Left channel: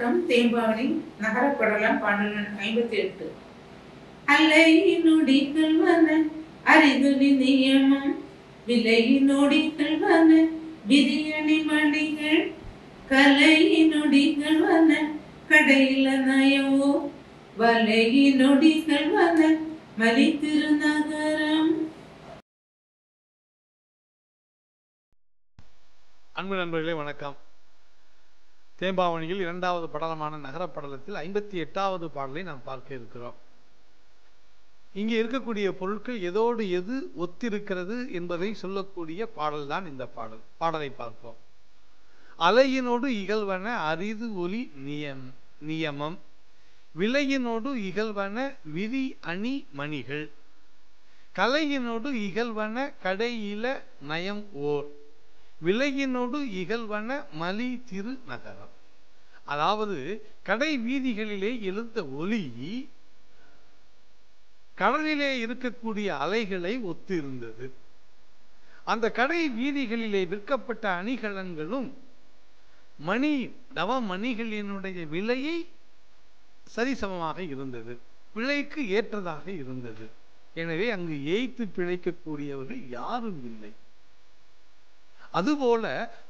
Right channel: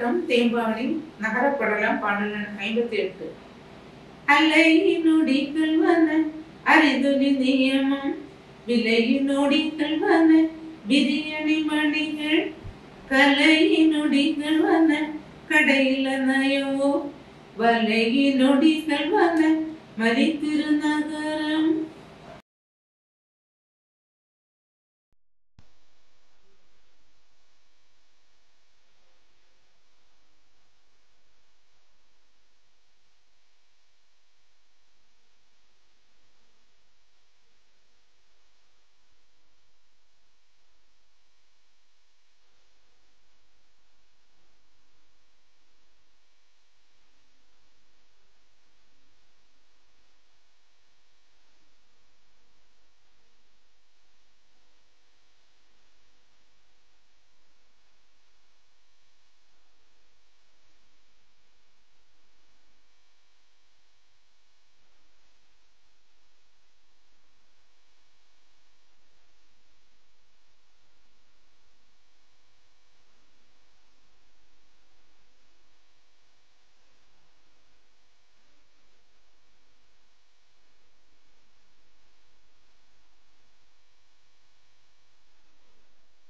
வணக்கம். தேம்பாவணி நகரப்படலம் பாடல் 58. அல்லை நொடிகள் வன அரிதுனி நியமம் விலை நொடிகள் வன விரியணி மணிகள் கலை நொடிகள் வன கடையில நயவோ வலை நொடிகள் வன மலி திருநகரம். அன்பு நண்பர்களே வணக்கம். தேம்பாவணியில் இரண்டாவது படலமான நகரப்படலத்தில் 58வது பாடலை நாம் பார்க்க இருக்கிறோம். இங்கே இருக்கக்கூடிய பொருட்கள் எதோடு எது ஒத்திருக்கிறது என்பதை சொல்லக்கூடிய பாடல் தான் இந்த பாடலை பார்ப்போம். அலையினோடு இகழ்வன அரிது ஒலி நியமம் விலையினோடு இகழ்வன விரி அணி மணிகள் கலையினோடு இகழ்வன கடையில நயம் ஓர் விலையினோடு இகழ்வன மலி திரு நகரம். அதாவது கடை வீதிகளிலே எழுந்த ஒலி கடலிலே இருக்கக்கூடிய அலைகளை ஒத்து இருந்தது. அந்த கடை வீதிகளிலே விற்கப்பட்ட அணிகலன்களும் நவமணிகளினுடைய விலையை சரிசமமாக இருந்தது, பிழைக்கு ஏற்றதாக இருந்தது. எனவே அங்கு ஏய்த்து பிழைக்கக்கூடியவர்கள் யாரும் இல்லை. அதுபோல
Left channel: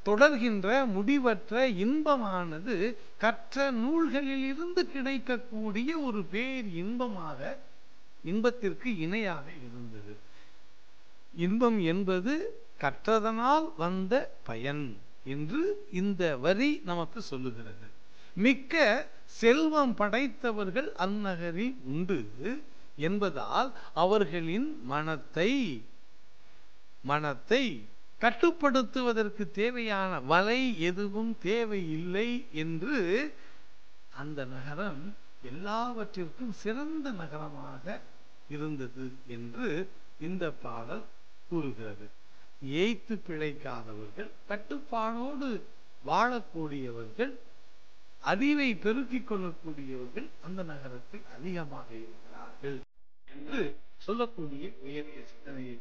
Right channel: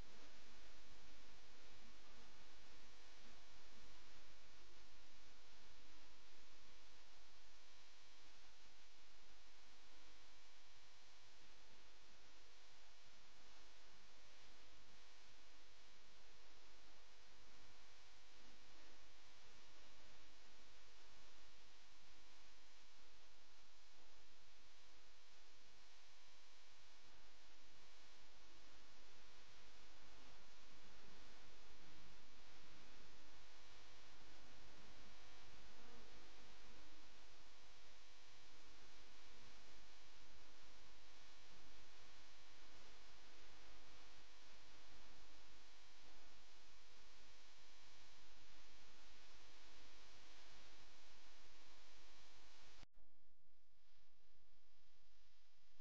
தொடர்கின்ற முடிவற்ற இன்பமானது கற்ற நூல்களில் இருந்து கிடைக்கக்கூடிய ஒரு பேர் இன்பத்திற்கு இணையாக இருந்தது. இன்பம் என்பது கற்றதனால் வந்த பயன் என்று இந்த வரி நமக்கு சொல்லுகிறது. மிக்க செல்வம் படைத்தவர்கள் அந்நகரில் உண்டு என்பதால் அவர்களின் மனத்தை கட்டுப்படுத்துவதற்கு தேவையான வலை எதுவும் தேவையில்லை என்று அந்த நகரம் எல்லாவற்றிற்கும் சிறந்த நகரமாக இருந்தது என்று இந்த பாடல் கூறுகிறது. ஏய்த்து பிழைக்காதவர்கள், கட்டுப்பாடோடு வாழக்கூடியவர்கள், அறிவை பெருக்கிக் கொள்ளக்கூடியவர்கள் அந்த நகரத்தில் அதிகமாக இருக்கிறார்கள் என்று சொல்லக்கூடிய உயரிய சிந்தனையை